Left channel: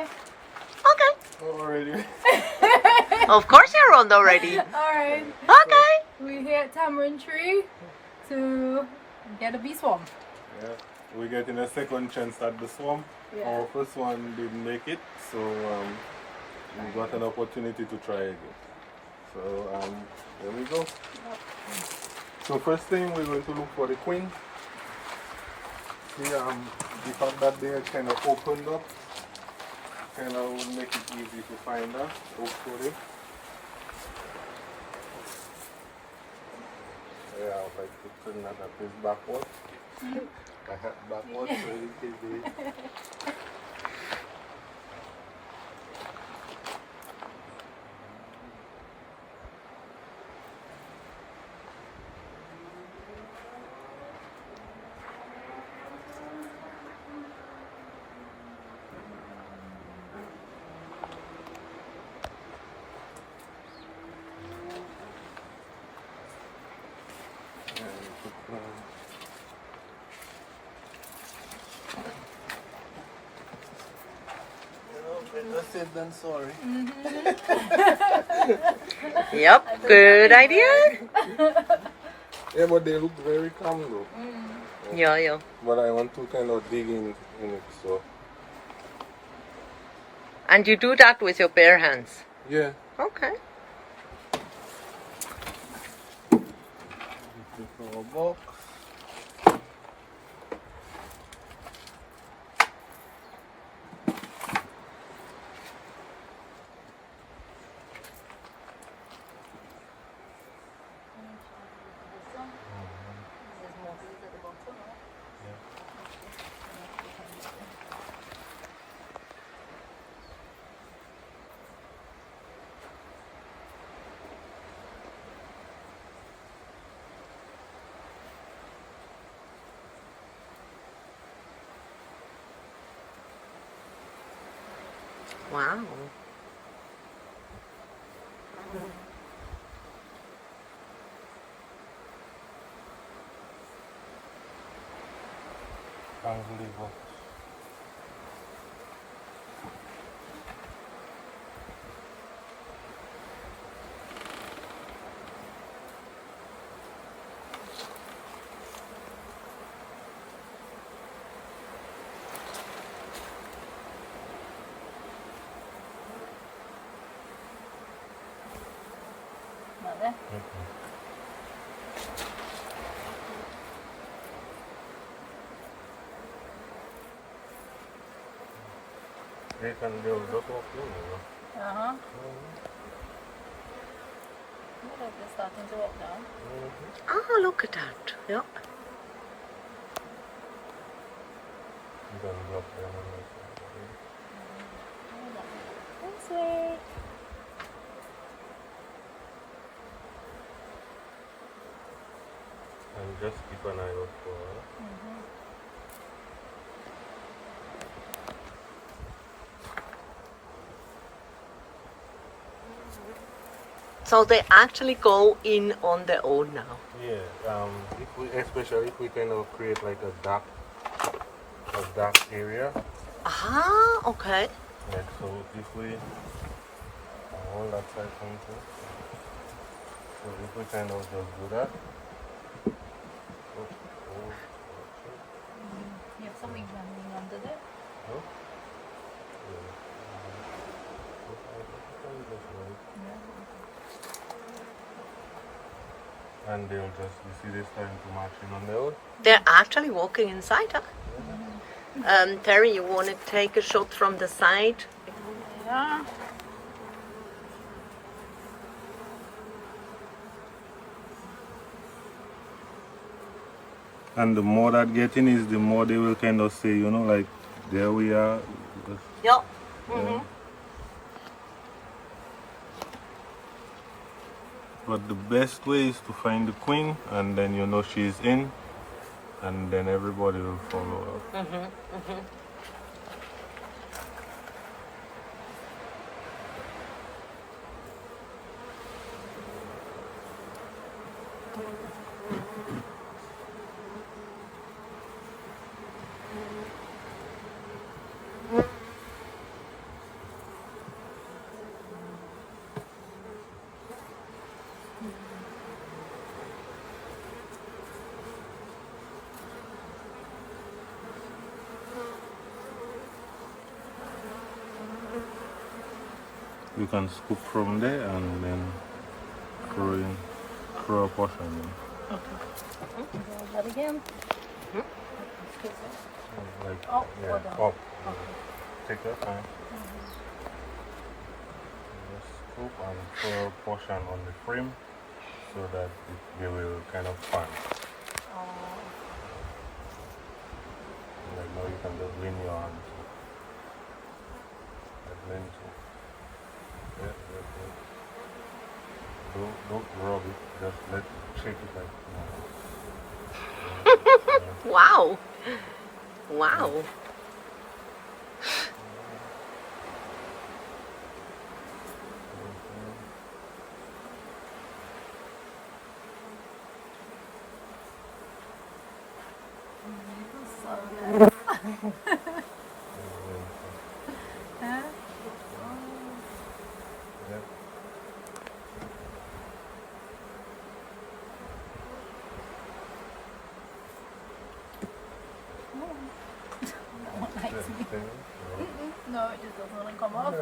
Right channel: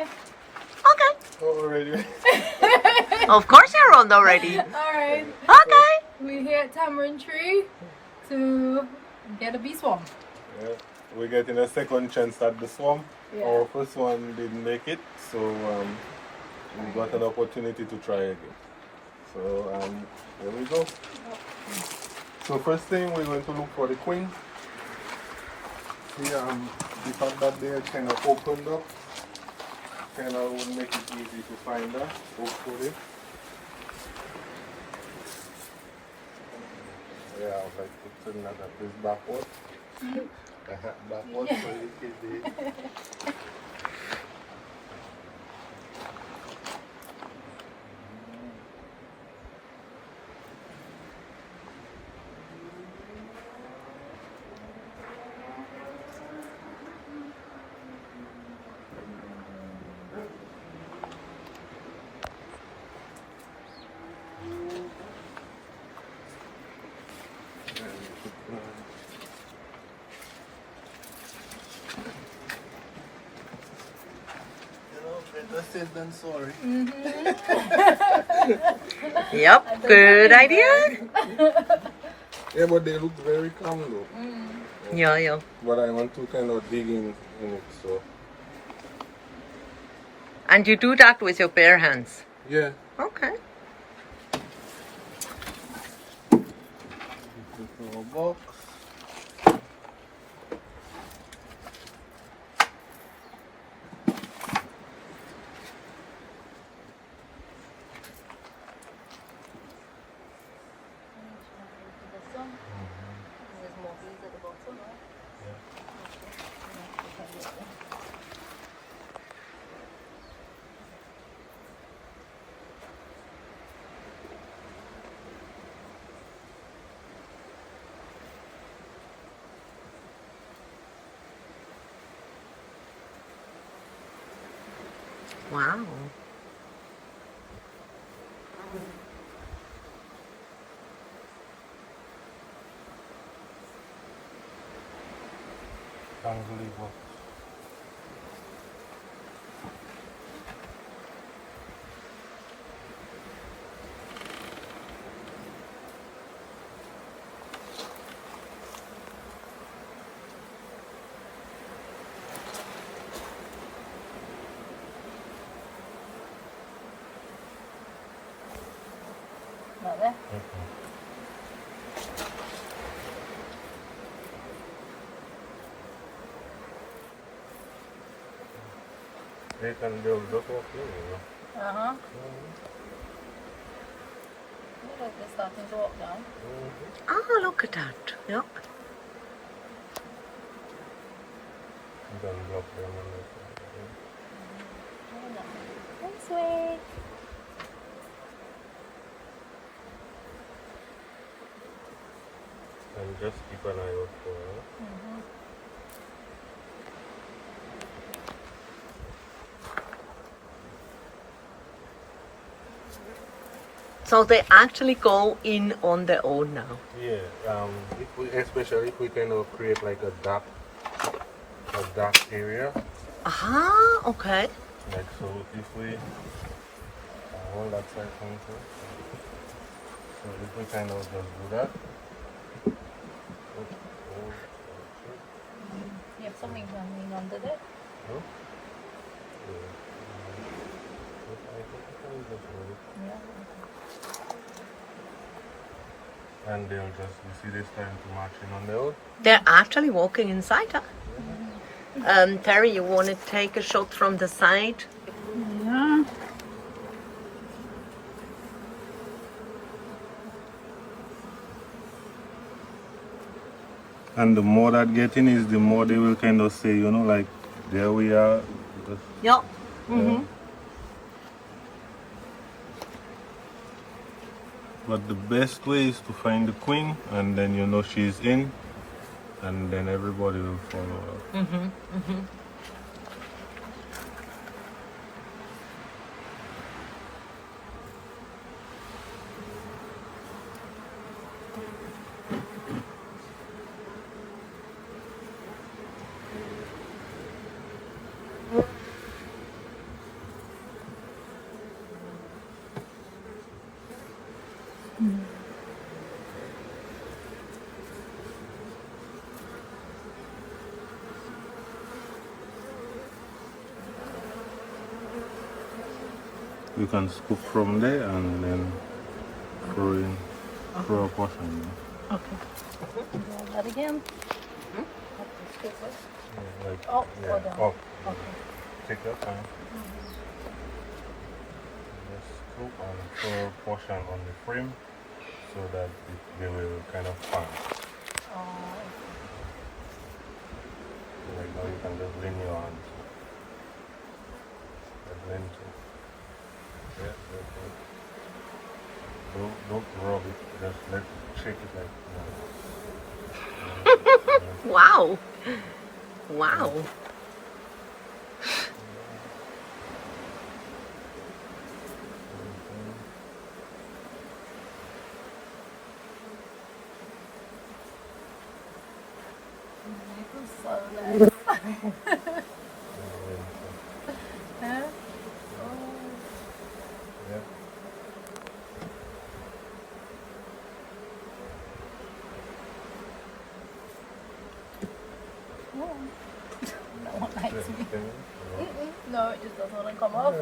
Okay. Okay. Already. Of course you're on already. Alright. Okay. We're here at Tamarind Tree to get a bee swarm. Yeah. We're getting a second chance at the swarm. Yeah. Our first one didn't make it, so we got an opportunity to try again. So here we go. So first thing we're going to look for the queen. See, the fact that they're kind of opened up kind of will make it easy to find her, hopefully. Yeah, I would like to turn that at this backward. Backward so we can see. Better safe than sorry. Yep, good idea. Yeah, but they look very calm though. Yeah. But I want to kind of dig in it, so. And you do that with your bare hands. Yeah. Okay. This is our box. There's more bees at the bottom, right? Wow. Unbelievable. Not there. They can build up of you. Uh-huh. Look, they're starting to walk down. Oh, look at that. Yep. You can drop them on the This way. and just keep an eye out for her. So they actually go in on their own now. Yeah, especially if we kind of create like a dark area. Aha, okay. Like so, if we hold that side from too. So if we kind of just do that. You have something running under there? Huh? I think we can just do it. Yeah. And they'll just, you see, they're starting to march in on their own. They're actually walking inside her. Terry, you want to take a shot from the side? Yeah. And the more that getting is, the more they will kind of say, you know, like, there we are. Yeah. But the best way is to find the queen, and then you know she's in, and then everybody will follow her. you can scoop from there and then throw a portion. Again. Like, Oh, yeah, hold on. up. Okay. Take your time. Just scoop and throw a portion on the frame so that they will kind of fan. Oh. Like now you can just lean your hand. Like lean to. Yeah, yeah. Don't rub it. Just shake it like. Wow. Wow. So nice. Huh? Yeah. No one likes me. Yeah. No, it just doesn't want to come off.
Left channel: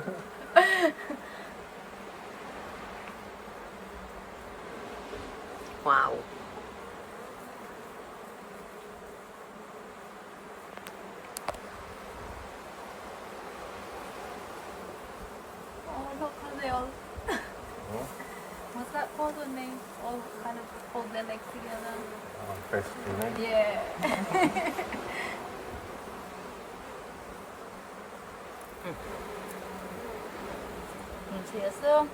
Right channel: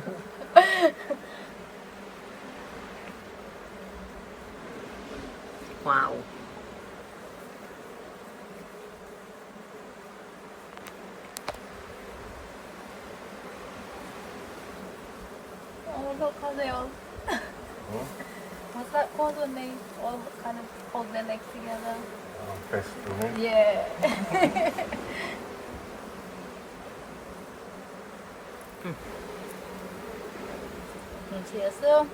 Wow. Oh, look how they all. What's that called when they all kind of hold their legs together? Festina. Yeah. Cheers, sir.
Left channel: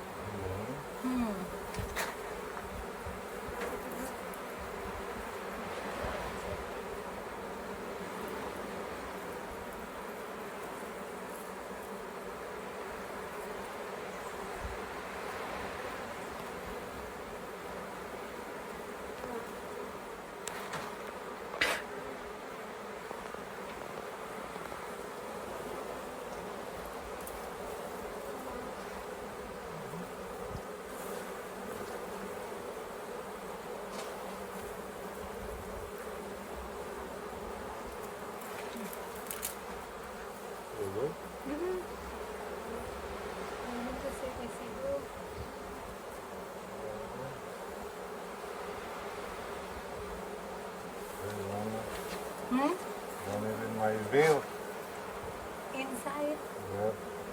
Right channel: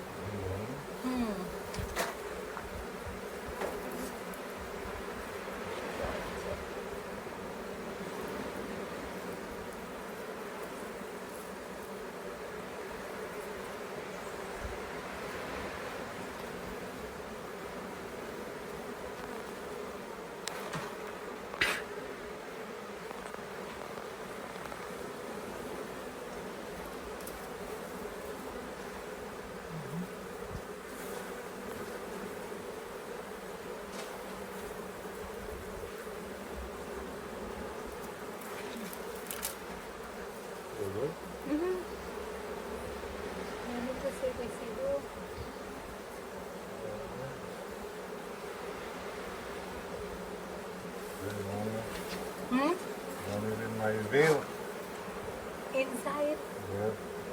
Inside?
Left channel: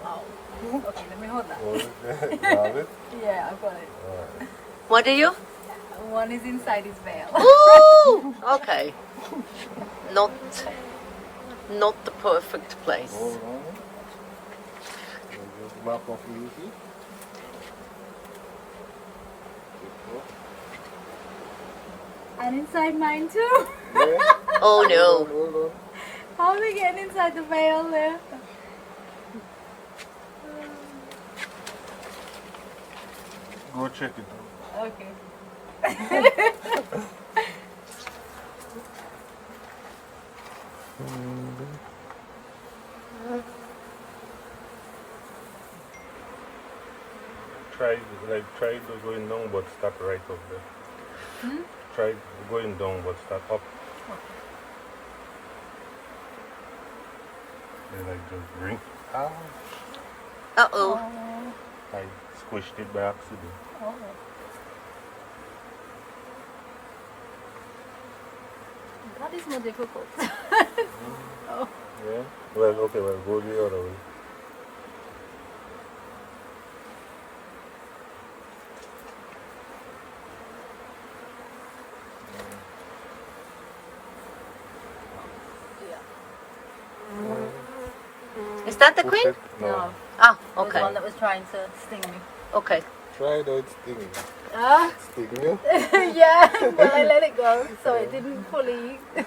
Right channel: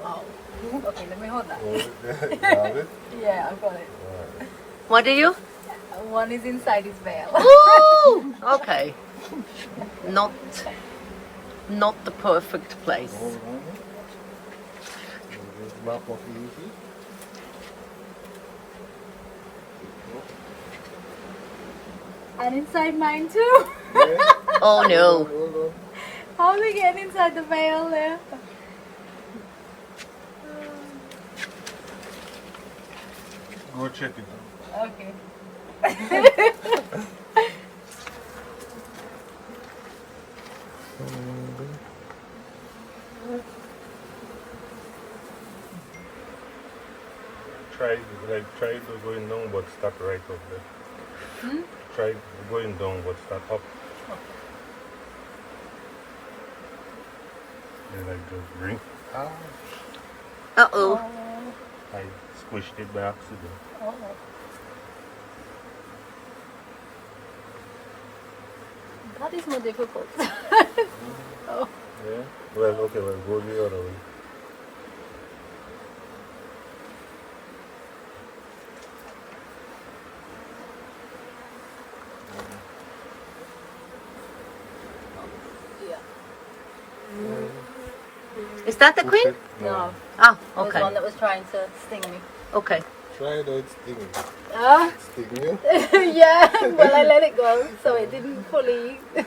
Wow. Okay, let me hold that. Yeah, I've got it. What do you? One is inside his veil. Ooh, okay. Not the perfect place. And inside mine too. Oh no. How are we getting inside the veil there? Go check it out. Okay. Try going down but start right up there. Try going down but start up. And like just bring. Uh-oh. Oh. I squished it by accident. Oh. That is more difficult. Oh. Yeah? Well, okay, well, go the other way. Is that the queen? No. Ah, There was okay. one that was trying to sting me. Okay. Try it out, sting. Ah? Sting you? Yeah, well I let it go, so it didn't fully. Is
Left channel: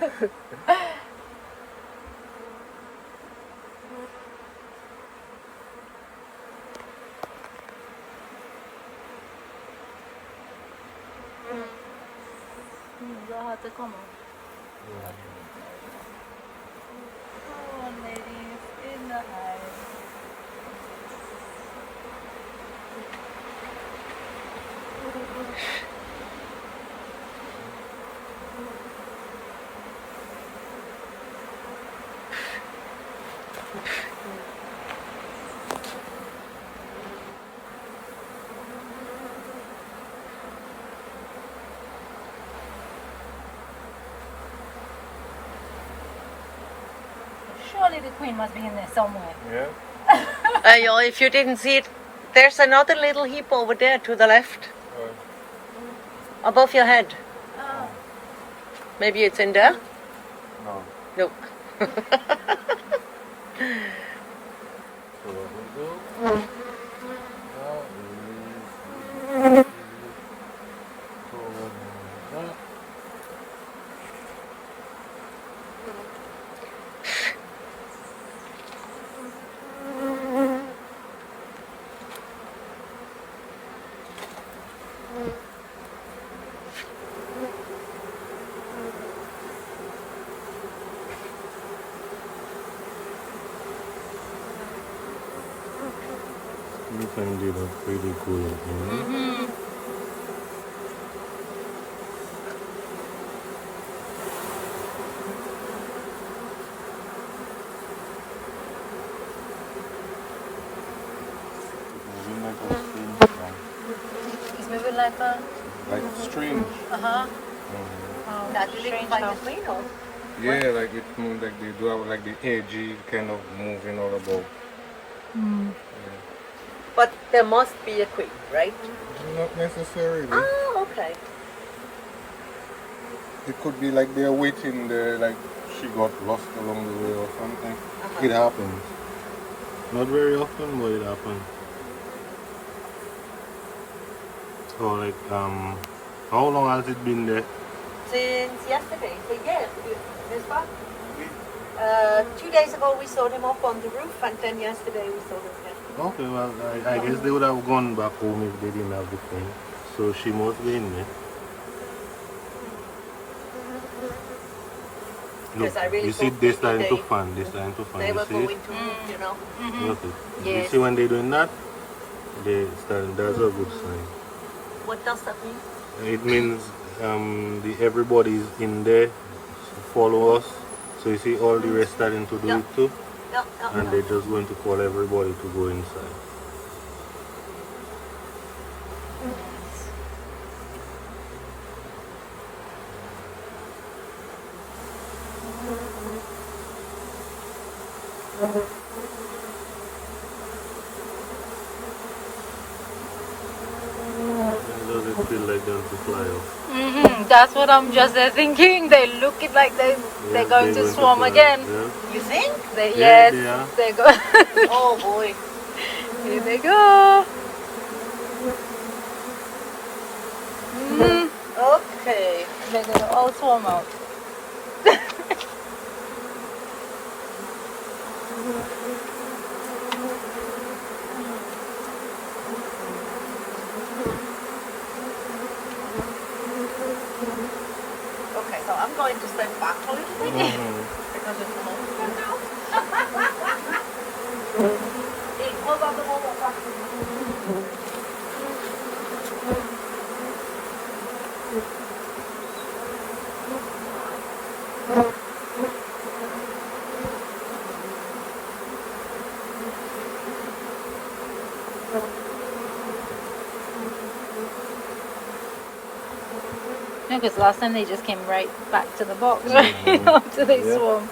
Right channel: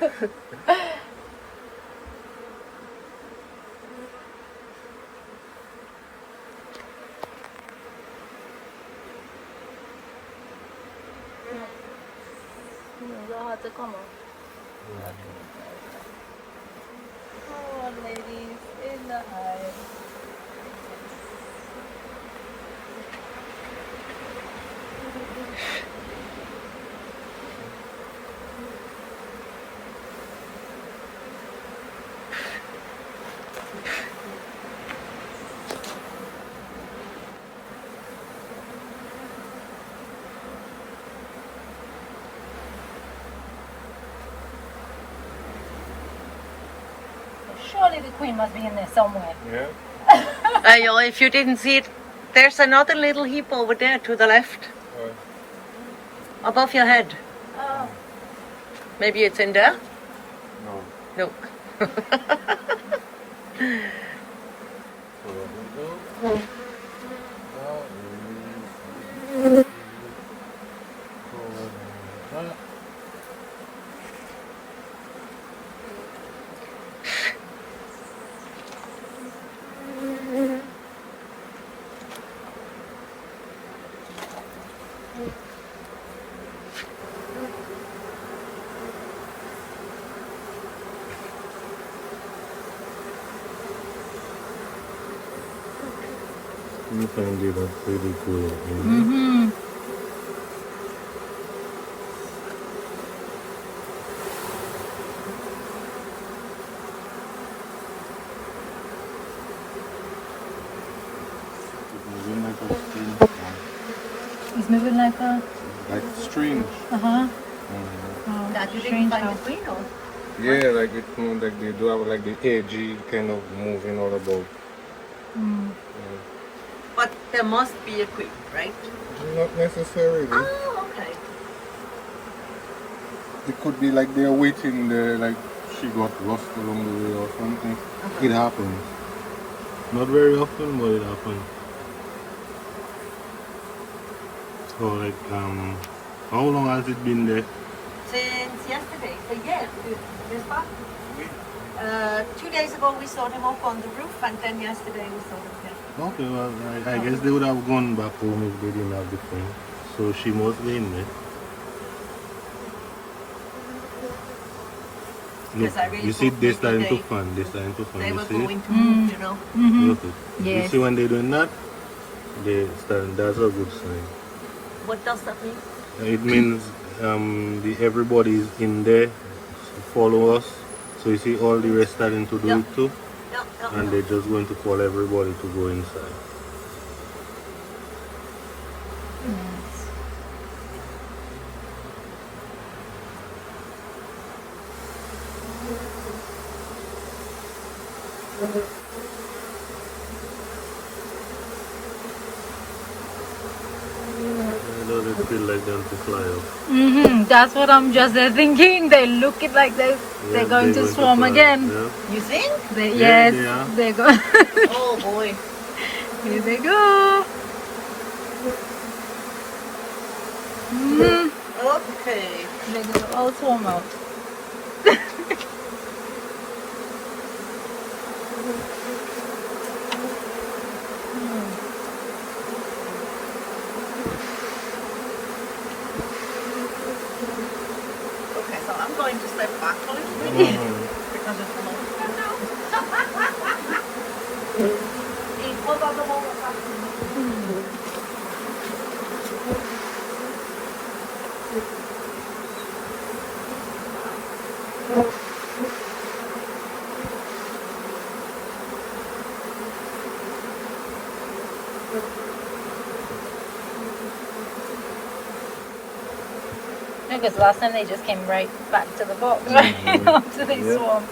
that hard to come off? Come on, ladies, in the hive. Surely the queen must be in there somewhere. Yeah. If you didn't see it, there's another little heap over there to the left, above your head. Oh. Maybe it's in there? No. No. So there we go. Now is that. You can do that pretty good, you know? Mm-hmm. It's moving like a string. It's moving like a... Like strings. Uh-huh. Now, you didn't find the queen, or? Yeah, like it moves like they do have like the edgy kind of moving all about. Mm. But there must be a queen, right? Not necessarily. Oh, okay. It could be like they're waiting there, like she got lost along the way or something. It happens. Not very often, but it happens. So like, how long has it been there? Since yesterday. Yeah, it's fine. 2 days ago we saw them off on the roof, and then yesterday we saw them here. Okay, well, I guess they would have gone back home if they didn't have the phone. So she must be in there. Look, Yes, I really you see thought they're starting to they- fan, they're starting to fan. They You were see it? going to move, you know. Mm-hmm. Look it. You Yes. see when they're doing that? They start, that's a good sign. What does that mean? It means everybody's in there, follow us. So you see all the rest starting to do Yeah. it too. Yeah. And they're just going to call everybody to go inside. How does it feel like them to fly off? Mm-hmm. That's what I'm just thinking. They look it like they're Yeah, going they're to swarm fly. again. Yeah. You think? They, Yeah, yes, they are. they go. Oh boy. Here they go. Mm. Okay. They're gonna all swarm out. Okay, so I'm going to step back a little bit. Mhm. Because last time they just came right back to the box, right? After they Yeah. swarmed.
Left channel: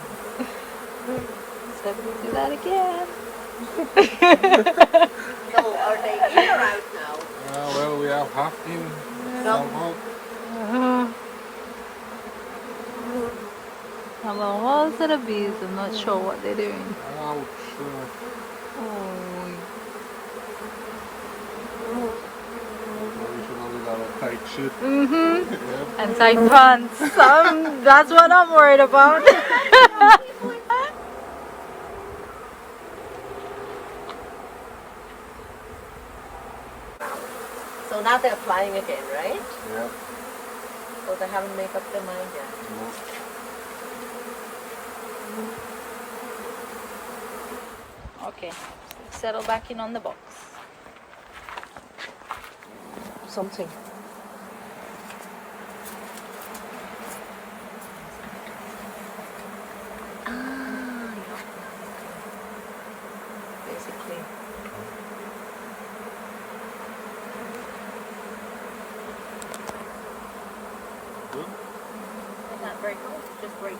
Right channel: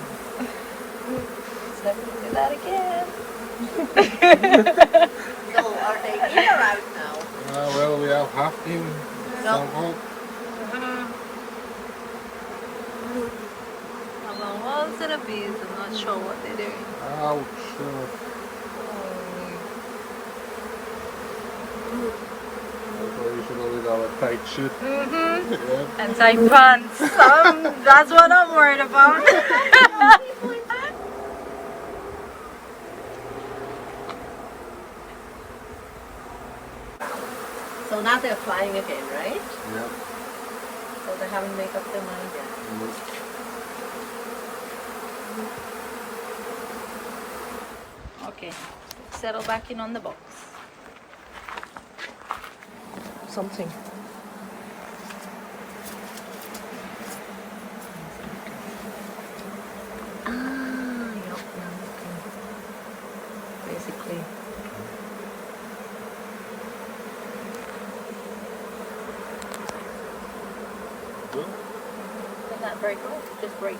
So do that again. So are they in right now? Well, we have half in some hope. I'm going all to the bees. I'm not sure what they're doing. Ouch. We should always have a tight shit. Mm-hmm. Yeah. And tight pants. That's what I'm worried about. So now they're flying again, right? Yeah. So they haven't made up their mind yet. Okay. Settle back in on the box. Something. Basically. Good. They're not very good. Just break it.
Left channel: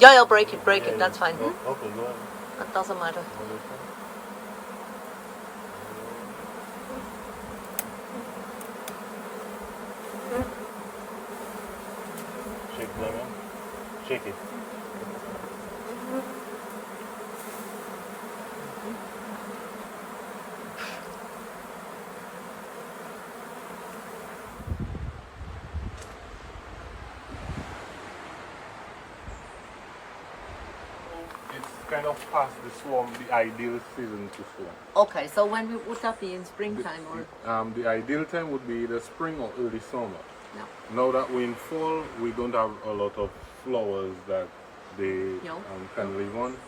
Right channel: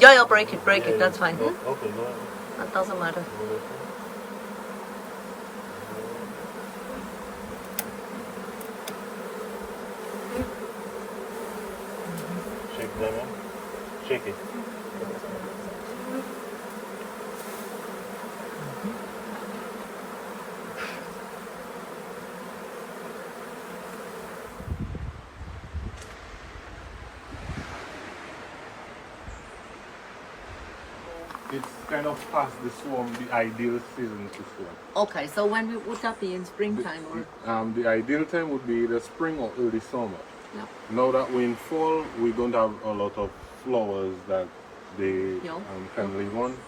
Yeah, I'll break it, that's fine. Oh, okay, go ahead. That doesn't matter. Shake lemon. Shake it. It's kind of past the swarm, the ideal season to swarm. Okay, so when would that be, in springtime or? The ideal time would be either spring or early summer. No. Now that we're in fall, we don't have a lot of flowers that they can live on,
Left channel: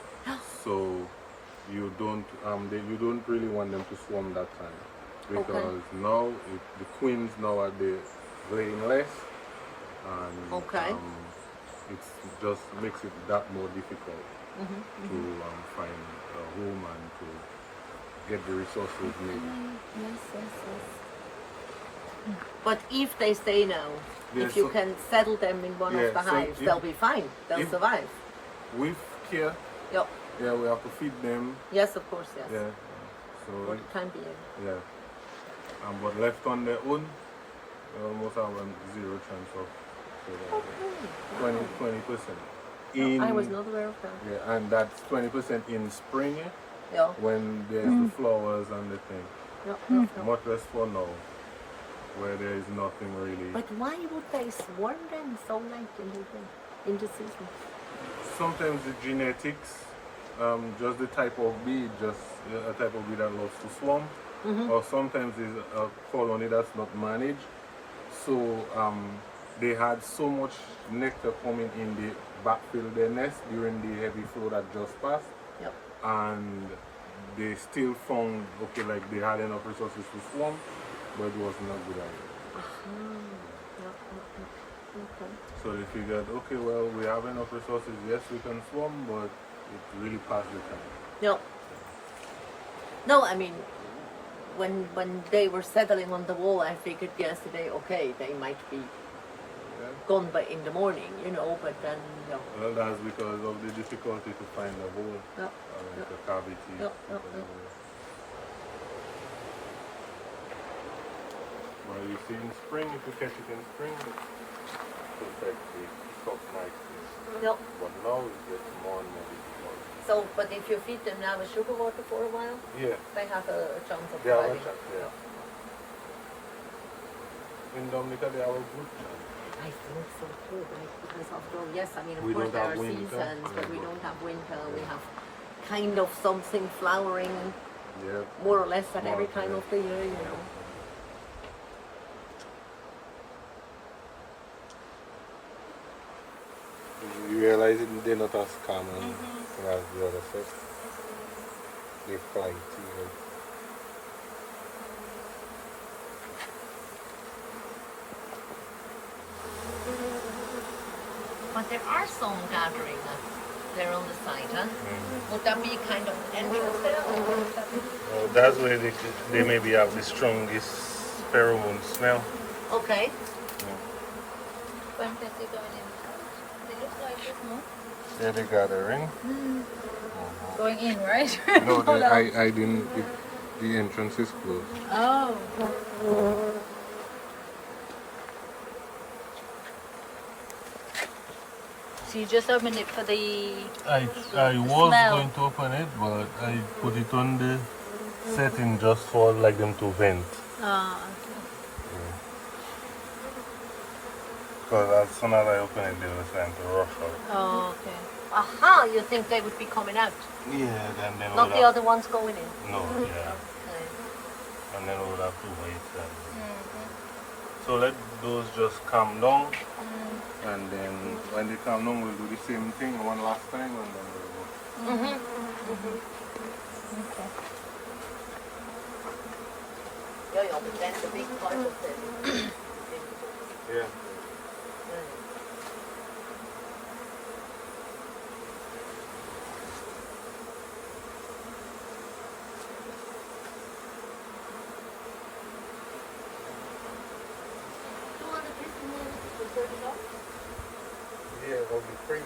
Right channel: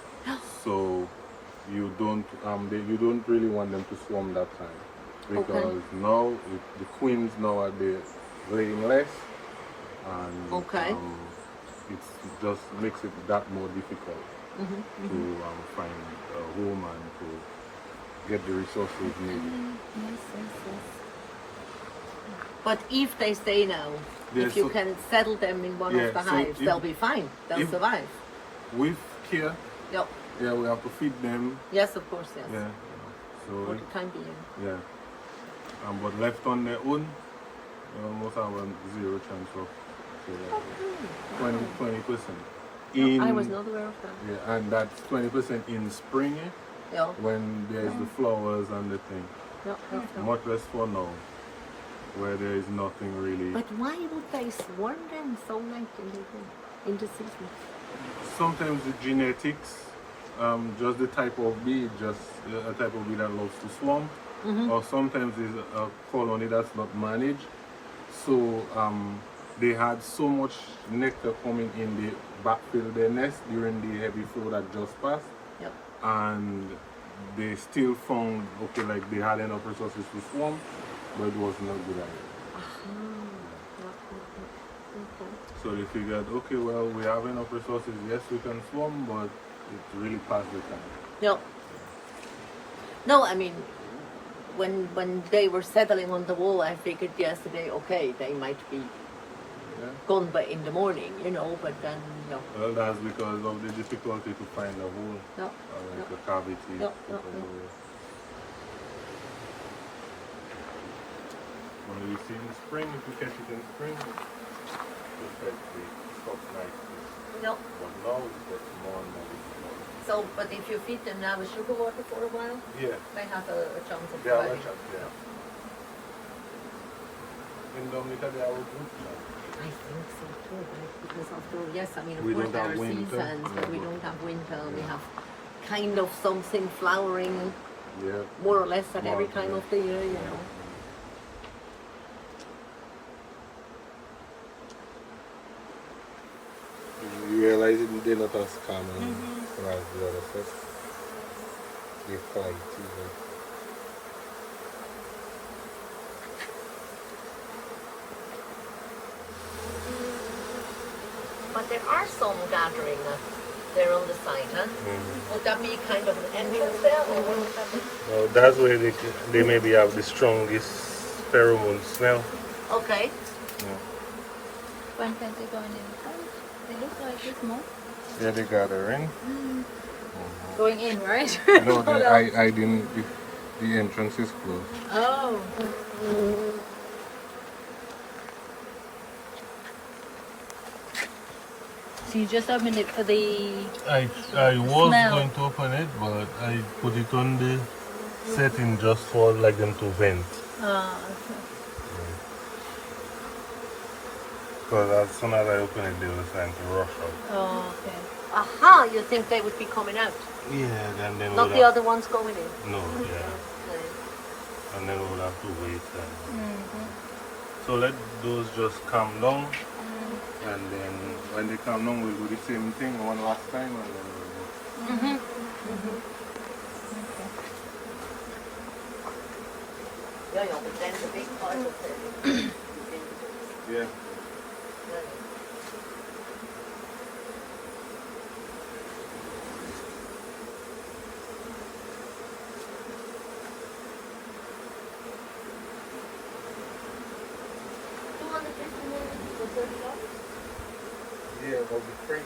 so you don't really want them to swarm that time, because now the queens now are they laying less, and it just makes it that more difficult to find a home and to get the resources needed. But if they stay now, if you can settle them in one of the hives, they'll be fine. They'll survive. With care, Yep. yeah, we have to feed them. Yes, of course, yes. Yeah. So For the time being. yeah. But left on their own, they almost have a zero chance of 20%. I was not aware of that. Yeah, and that's 20% in spring, Yeah. when there's the flowers and the thing. Yeah. Much less for now, where there is nothing really. But why would they swarm them so late in the season? Sometimes the genetics, just the type of bee, just a type of bee that loves to swarm, or sometimes it's a colony that's not managed. So they had so much nectar coming in, they backfill their nest during the heavy flow that just passed, and they still found like they had enough resources to swarm, but it was not a good idea. Okay. So they figured, okay, well, we have enough resources, yes, we can swarm, but it's really past the time. No. No, I mean, when they were settling on the wall, I figured yesterday, okay, they might be gone by in the morning, but then no. Well, that's because of the difficulty to find a hole, or like a cavity. No. Well, you see in spring, if you catch it in spring, you catch the stock nicely. No. But now it's just more and more difficult. So, but if you feed them now with sugar water for a while, Yeah. they have a chance of Yeah, surviving. yeah. In Dominica, they are good now. I think so too, because after all, yes, I mean, of We course don't there have are winter. seasons, but we don't have winter. We have kind of something flowering Yeah. more or less at More, every time of the year, You realize they're not as calm as the other stuff. They're calm too. But there are some gathering there on the side, huh? Would that be kind of an entrance there, or what would that be? Well, that's where they maybe have the strongest pheromone smell. Okay. When can they go in? They look like this more. Yeah, they gathering. Going in, right? No, I didn't. The entrance is closed. Oh. So you just opened it for the... I was smell. going to open it, but I put it on the setting just for like them to vent. Ah, As soon as I open it, they was going to rush out. oh, okay. Aha, you think they would be coming out? Yeah, then they Not would the have, other ones going in? no, yeah. And then we would have to wait. So let those just calm down, and then when they calm down, we'll do the same thing one last time. And then Yeah, but then the main part of it. yeah. Yeah, but the spring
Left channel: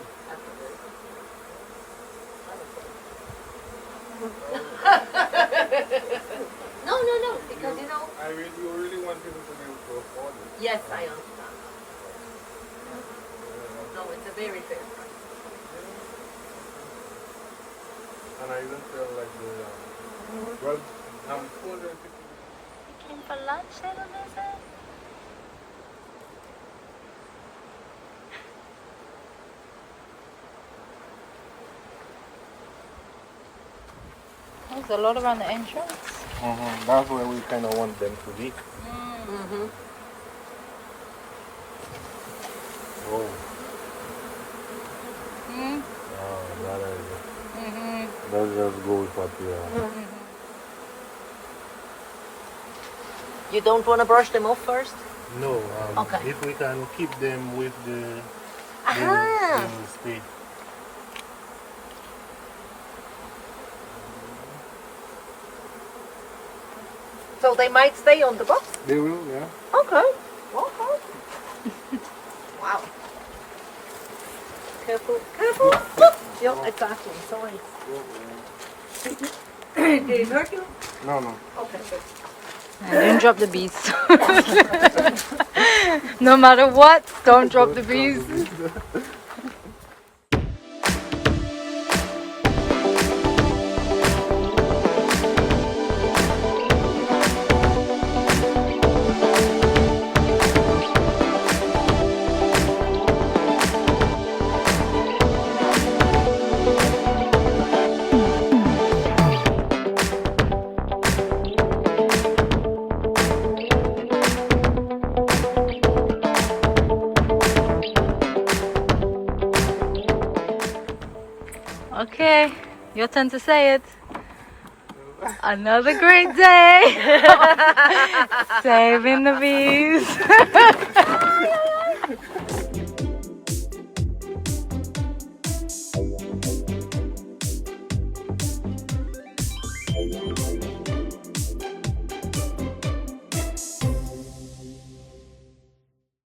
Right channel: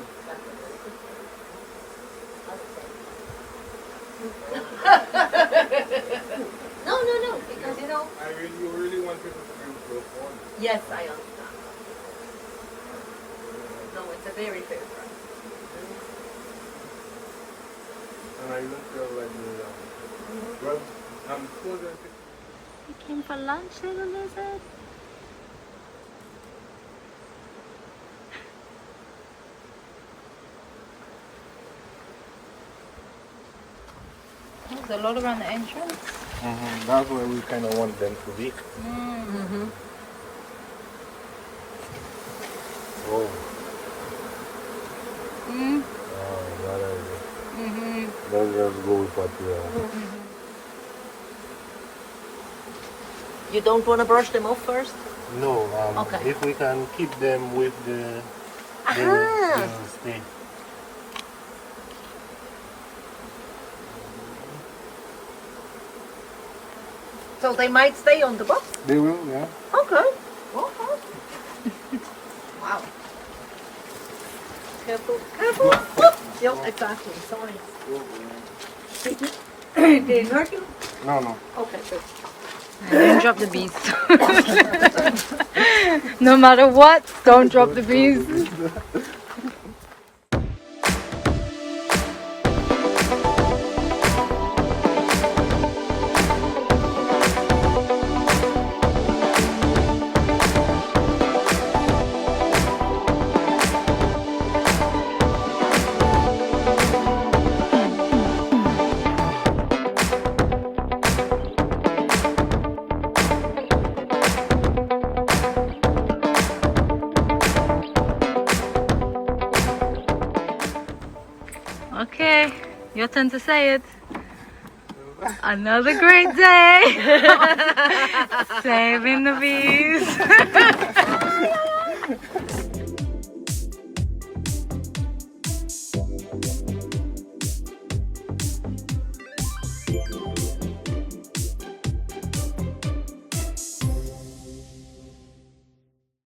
No, because you know. I mean, you really want people to use your phone. Yes, I understand. No, it's a very fair. And I don't feel like well, I'm still going to. You came for lunch, little lizard? There's a lot around the entrance. That's where we kind of want them to be. Mm-hmm. Oh. Mm. Oh, that idea. Mm-hmm. Let's just go with what we are. You don't want to brush them off first? No, Okay. if we can keep them with the, they'll stay. So they might stay on the box? They will, yeah. Okay. Wow. Careful. Yep, exactly. Sorry. Did it hurt you? No. Okay, good. Don't drop the bees. No matter what, don't drop the bees. Okay, your turn to say it. Another great day. Saving the bees.